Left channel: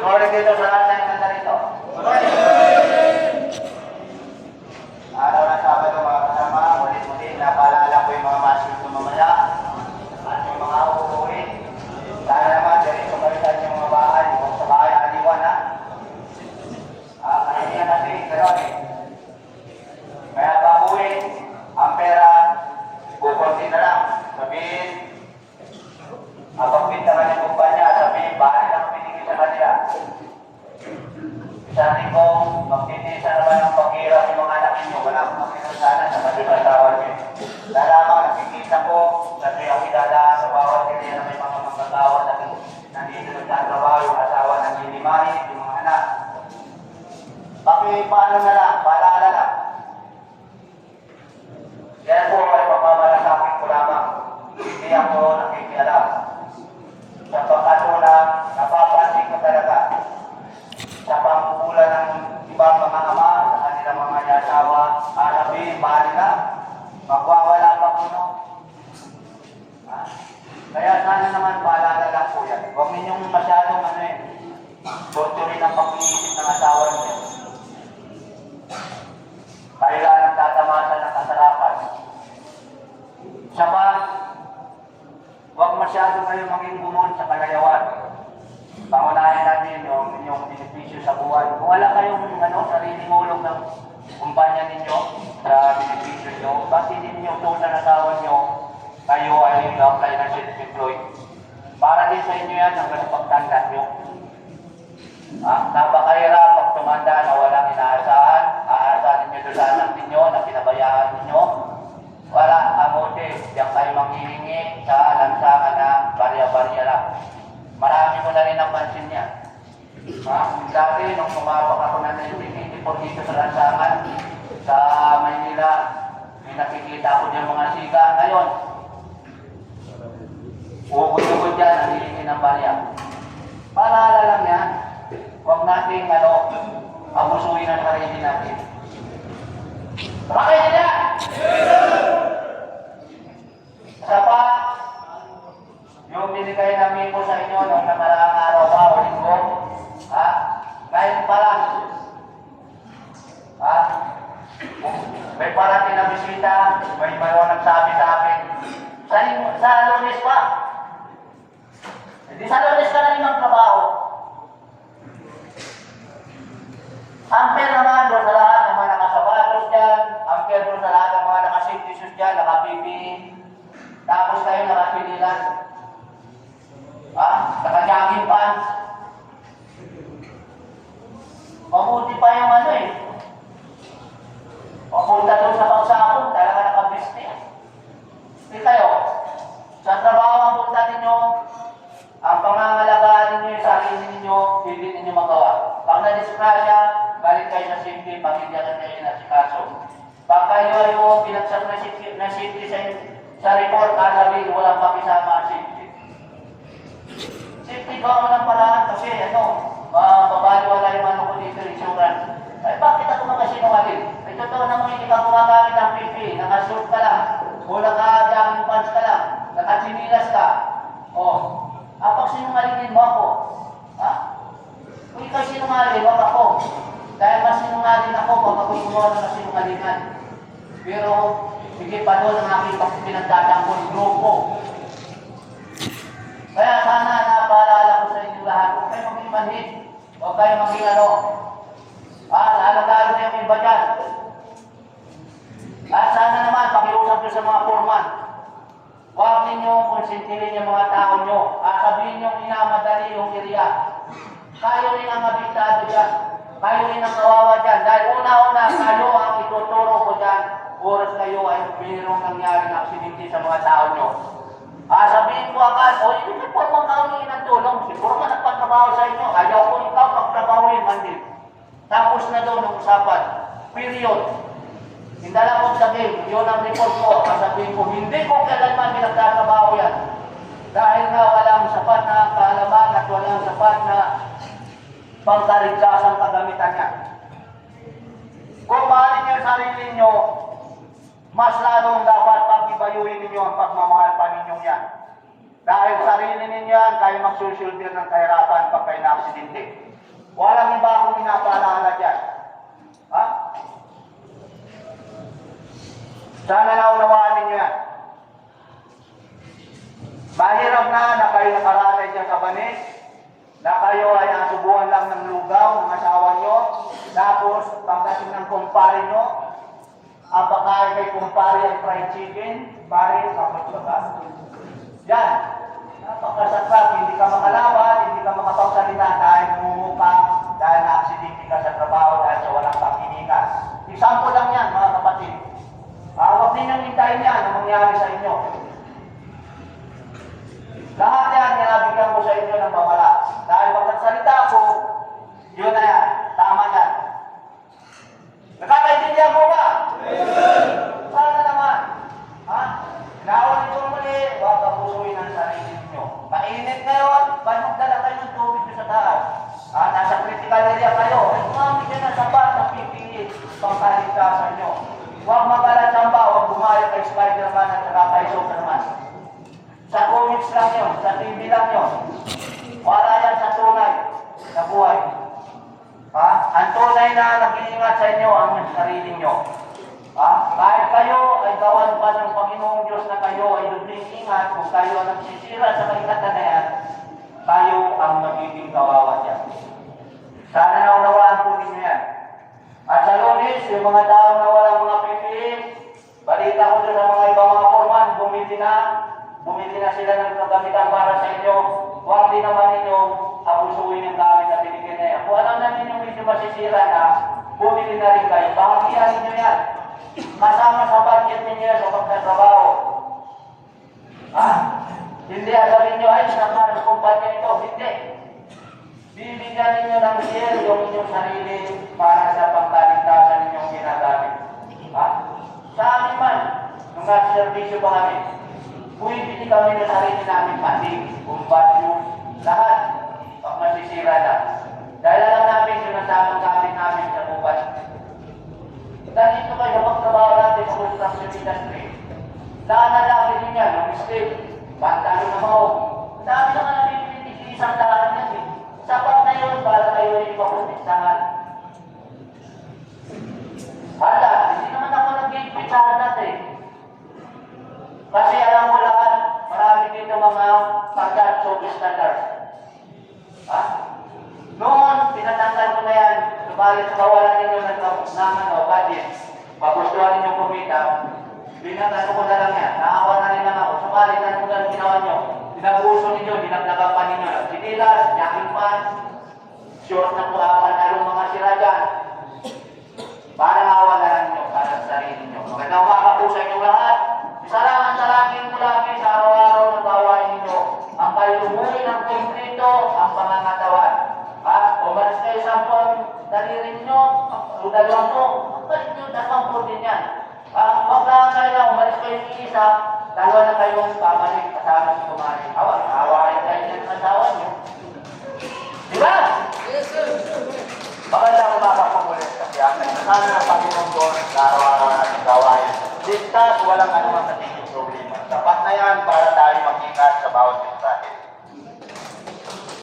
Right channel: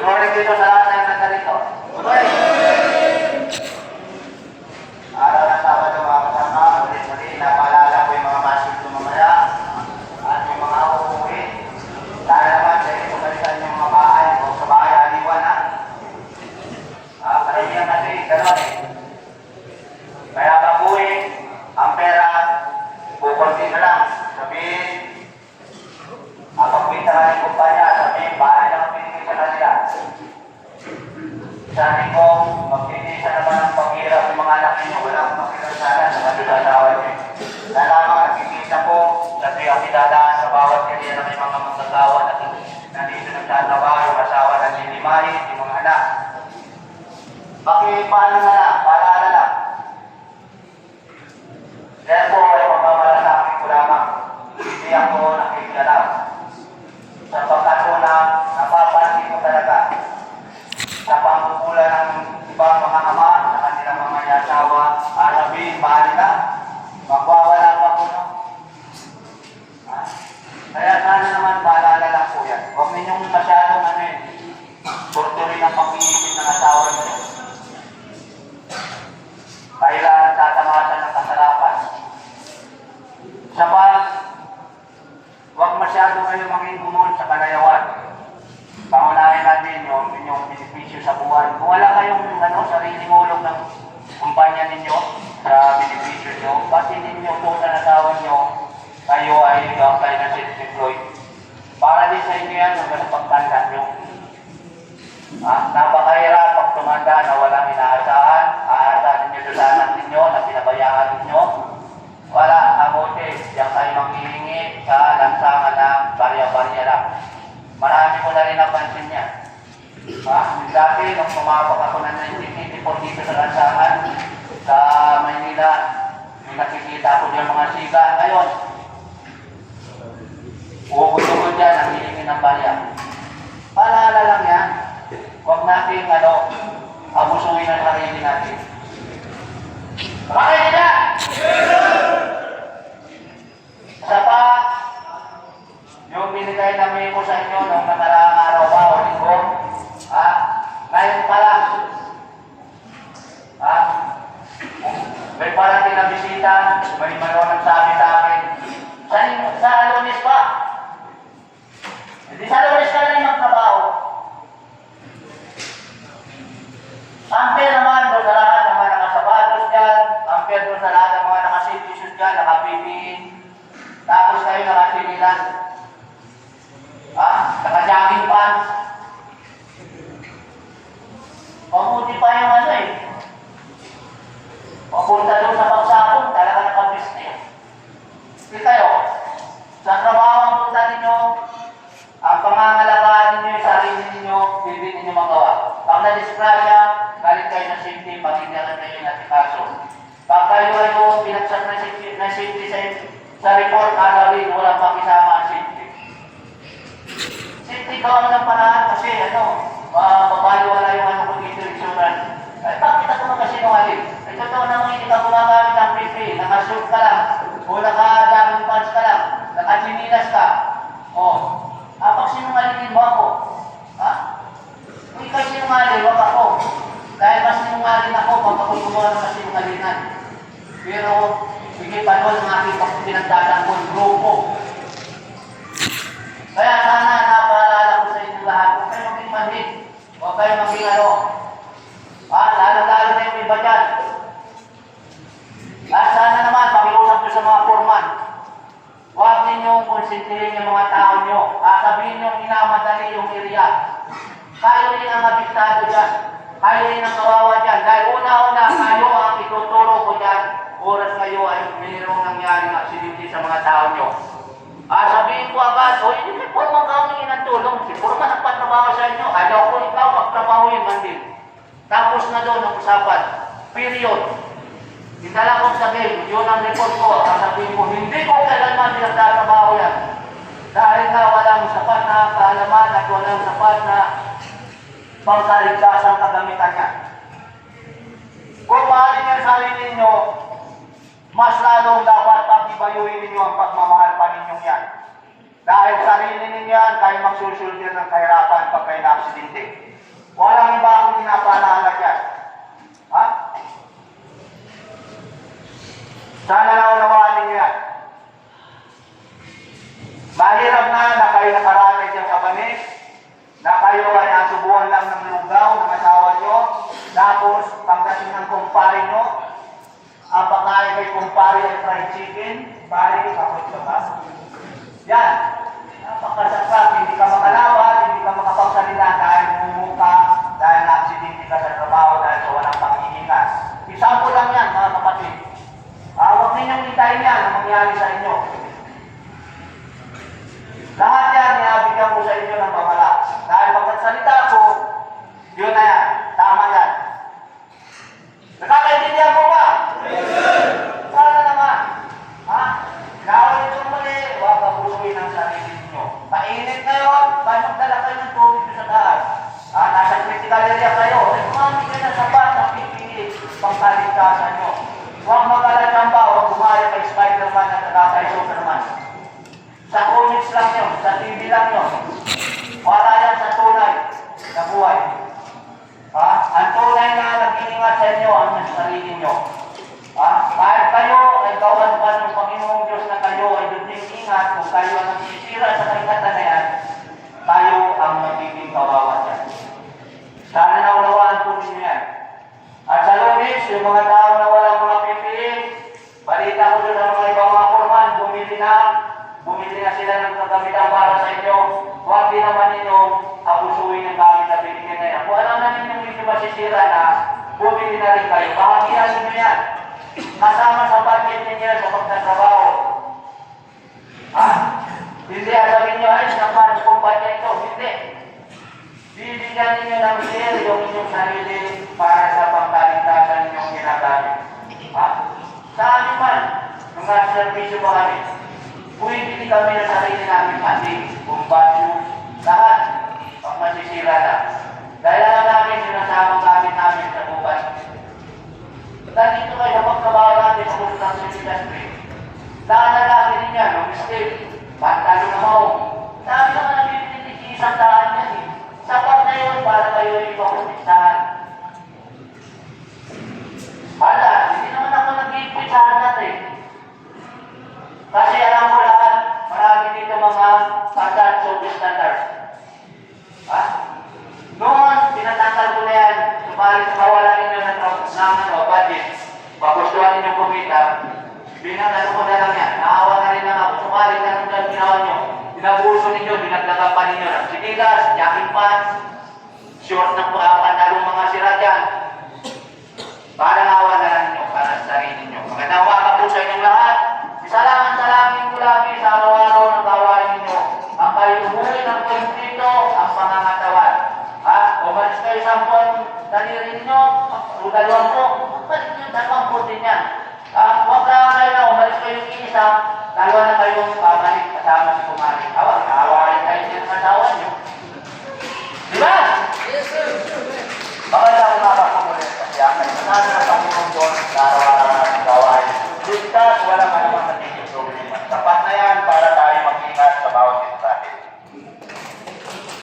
Good morning dito sa lahat na nandito. Good morning! Araw ng Sabado mga kasama, muli-muli, napaalala ko yung mga masid ng mamaya at yung mga uuwi. Sana naman, ganito balisan yung mga bahay o sa bahay aliwan ha. Kaya natin, gano'n eh. Kaya baguhin ang pera, bukunti na lang. Sabihin, pagpinta ka ng kumpanya, sabihin, bahay lang ang pinigay sa kanila. Sabi ko, magpinisa naman ang paghirap ng mga anak ninyo. Wala akong makilala sana sa nagsasawa niyo. Lamang nagpinisa ko, kasi ang idadaan sa bawat kanila na may mga magkakawa na nandito nagtatawa, yung asawa na nilimahin, yung mga anak. Paano na lang, paalala lang. Kaya po ay magmamalasakit ko lamang. Hindi ako nakikialam. Sapagkat po na napapansin ko talaga sa pangkukulan ng ibang mga ama sa kanilang mga asawa, sabihin, bali na, magwawala pa po no. Kaya sana naman paalala lang po yan. Huwag ninyong masyadong porturin ang pag-iisip ng asawa niyo. Kailangan tatamasan ng kasarapan. Saba, huwag masyado kayo maging bumon sa kalayawan. Pangunahin natin yung inyong benepisyo sa buwan. Kung wala kayong sariling ulog ng kumpanya ninyo sa benepisyo nyo, bakit hindi nyo utusan na tawag nyo, kayo ay kayo na self-employed. Para din sa inyo yan hanggang sa pagtanda nyo. Napakahirap pag tumanda na walang inaasahan, aasahan ninyo doon sa anak ninyo na pinabayaan ninyo. Wala, abuti, diyan kayo manghihingi sa lansangan ng barya-barya lang. Marami ko na rin napansin niya. Dati, nung pumapak ako ng 1984 dito sa lansangan, sa Maynila, may nakikita ako dyan mga siga. Ngayon, uugod-ugod dyan, nanghihingi ng barya. Paalala lang yan. Huwag natin, abusuhin ang sarili natin. Bakit nila? Isa pa, yung binigay namin ko sa inyo nung nakaraang araw pa o linggo, ngayon pa lang, may parating na bisita, may nagsabi sa akin, sa Lunes pa. Hindi sa Lunes ka na rin magtrabaho. Ampere naman doon sa lahat ng mga nakasapatos dyan, ampere doon sa lahat ng mga nakasitisyon dyan, naka-PPE, tapos kayo nakasinilas, naka-jogging pants. Mabuti pa yung papunta doon sa pagsapon, talaga nakabiste. Hindi kayo, sa trabaho ang punta ninyo, ang pangangalagaan ninyo, yung sarili ninyo, hindi ninyo magawa. Pag na-disgrasya, galit kayo na safety, pagigyan kayo na si kaso. Pag kayo ay pinagsak na safety sa report, alawin, walang pakisama ang safety. Safety gawa mo ng paraan kasi mabaliwala yung kung dito insurance. Ay, bakit ako magkasinungaling? Ay, totoo naman hindi ka gumagamit ng PP, naka-shoot ka lang, o naka-jogging pants ka lang, naka-chinilas ka. Pag sinungalingin mo ako, kung ikay sinungaling, wag ako. Dahil mas sinungaling ako pag ako'y gumawa ng kasinungalingan. Pero, hindi pa doon ang aking pinagtatanggol grupo. Kaya sana napaalala ko sa inyo lahat, huwag kayo maging manhid. Huwag kayo maging lalo na yung iba dyan. At sana naman, pakiusap nyo sa mga foreman. Huwag ninyong konsintihin yung mga tao nyo. Sabihin nyo inamadali yung area. Kayo rin ang abiktado dyan. Kayo rin ang kawawa dyan. Dahil una-una, kayo ang ituturo ko dyan. Oras kayo ay mayroong nangyari na aksidente sa mga tao nyo. Sabihin ko agad, hindi po magkawin ng tulong. Siguro ka nagpatrabaho sa inyo. Ayaw ko ikaw magtrabahoin man din. Tapos na doon ang usapan. Period. Hindala kong sabihin, yun ang report ko. Sabihin ko, hindi ko kailanman pinagtatrabaho yan. Dahil nga walang sapat na kaalaman at walang sapat na pangkaligtasang kagamitan niya. Kung mahalin niyo sarili niyo, mas lalong dapat pag-ibayuhin ninyo ang pagmamahal pa ninyong yan. Dahil sarili ninyo yan, kayo magsusuldir ng kahirapan pag kayo na-aksidente. Walang iba akong pinapaalala dyan. Ha? Sana naunawaan ninyo yan. Mahirap na kayo nakaranay dyan sa banig, na kayo ay nasubuhan lang ng lugaw ng asawa nyo, tapos pagdating ng kumpare nyo, ang pagkain kay kumpare ay fried chicken, pare, kapot labas. Yan. Napakasaksak, hindi ka makalaban, hindi ka makapagsalita dahil mumuka, dahil na-aksidente ka sa trabaho, dahil sa walang panghihingas. Example lang yan, mga kapatid. Huwag ninyong hintayin yan ang mangyari sa inyo. Lahat yan, nabigyan ko sa inyo ng pamala. Dahil pagkagsalita ko, yun na yan. Tama yan. Nakakaintindihan mo ba? Sana naman. Ha? Gawin nyo muli, huwag kapusuin ang sarili ninyo. Mainit ngayon, ba't magdala kayo ng tubig sa taas? Nasa critical area kayo. Kumamit kayo ng sapat na PPE pangkaligtasan nyo. Huwag mag-alatsamba, huwag bumaya kay Spider-Man at kay Superman. Sa comics lang yun, sa TV lang yun. Wala yan sa tunay na buhay. Ang tunay na nag-iingat sa inyo ang sarili nyo. Kahit kayo ay gawan pa ng Panginoong Diyos na kayo ay duding ingat kung kayo ang nagsisira sa karikatan na yan, tayo ang magiging kawawa dyan. Sana naunawaan po ninyo yan. At sa Lunes, yung mga tao na walang mga PPE, balita ko doon sa mga ibang mga forman, bumili na sila ng kagamitan para sa inyo. Huwag din naman ninyo abusuin ang gamit na binigyan na yan. Kung alam na ninyo medyo masisira na, bumili na rin kayo. Bahagian ninyo yan. Kasama sa budget ninyo sa pagtatrabaho. Hindi, sabihin nyo, ay, sama ng kumpanya ito. Hindi. Bibigyan ninyo ng share yung inyong sarili para sa pangkaligtasan ninyong ginagamit. Sa amin man, nung nasa servisyo ba kami, bumibili kami ng sarili namin, mati, bumbasyos, lahat, pag masisira na. Dahil alam namin, sinasamang gamit namin sa bukas. Dahil dito kayo sa pagtrabaho natin sa construction industry, naanalagi ninyo, nung mistake, pantalo na mo. Sabi naman ang bibili isang daan yan eh. Sapat na yun para kayo yung ipaprotektahan. Hala, hindi naman ako nag-ipitsahan natin. Kasi alam mo lahat, marami dito mga pagkat social standards. Noon, tinatanggal ko na yan, sumalit sa kawalan ninyo ng budget, magustuhan ninyo kumita, binagano ko na lang yan, naawa na rin lang ako, sumalit na nung ginawa nyo, binabuso ninyo, binaglagan pa ninyo ng sinilas, jogging pants, short na pantalong mga sira dyan, para naawa na lang ninyo, para sa sarili ninyo. Magandang umaga po sa inyong lahat. Salamat ko lagi sa araw-araw ng gawain ninyo. Ang kayo umuwi ng tulong dito, ang pangangatawan. Umalis kayo sa daliri ninyo, o dalawang po, magpalit nyo, dalawang po din yan. Huwag lang kayo na, umalis kayo yung isa, dalawa na kayong pabalik kasama si kumari. Awarin kayo niya ng asawa nyo. Diba? Yes, sir. Maganda umaga po muli. Kasi ang kayo, sana ng Panginoong Diyos, sa araw-araw.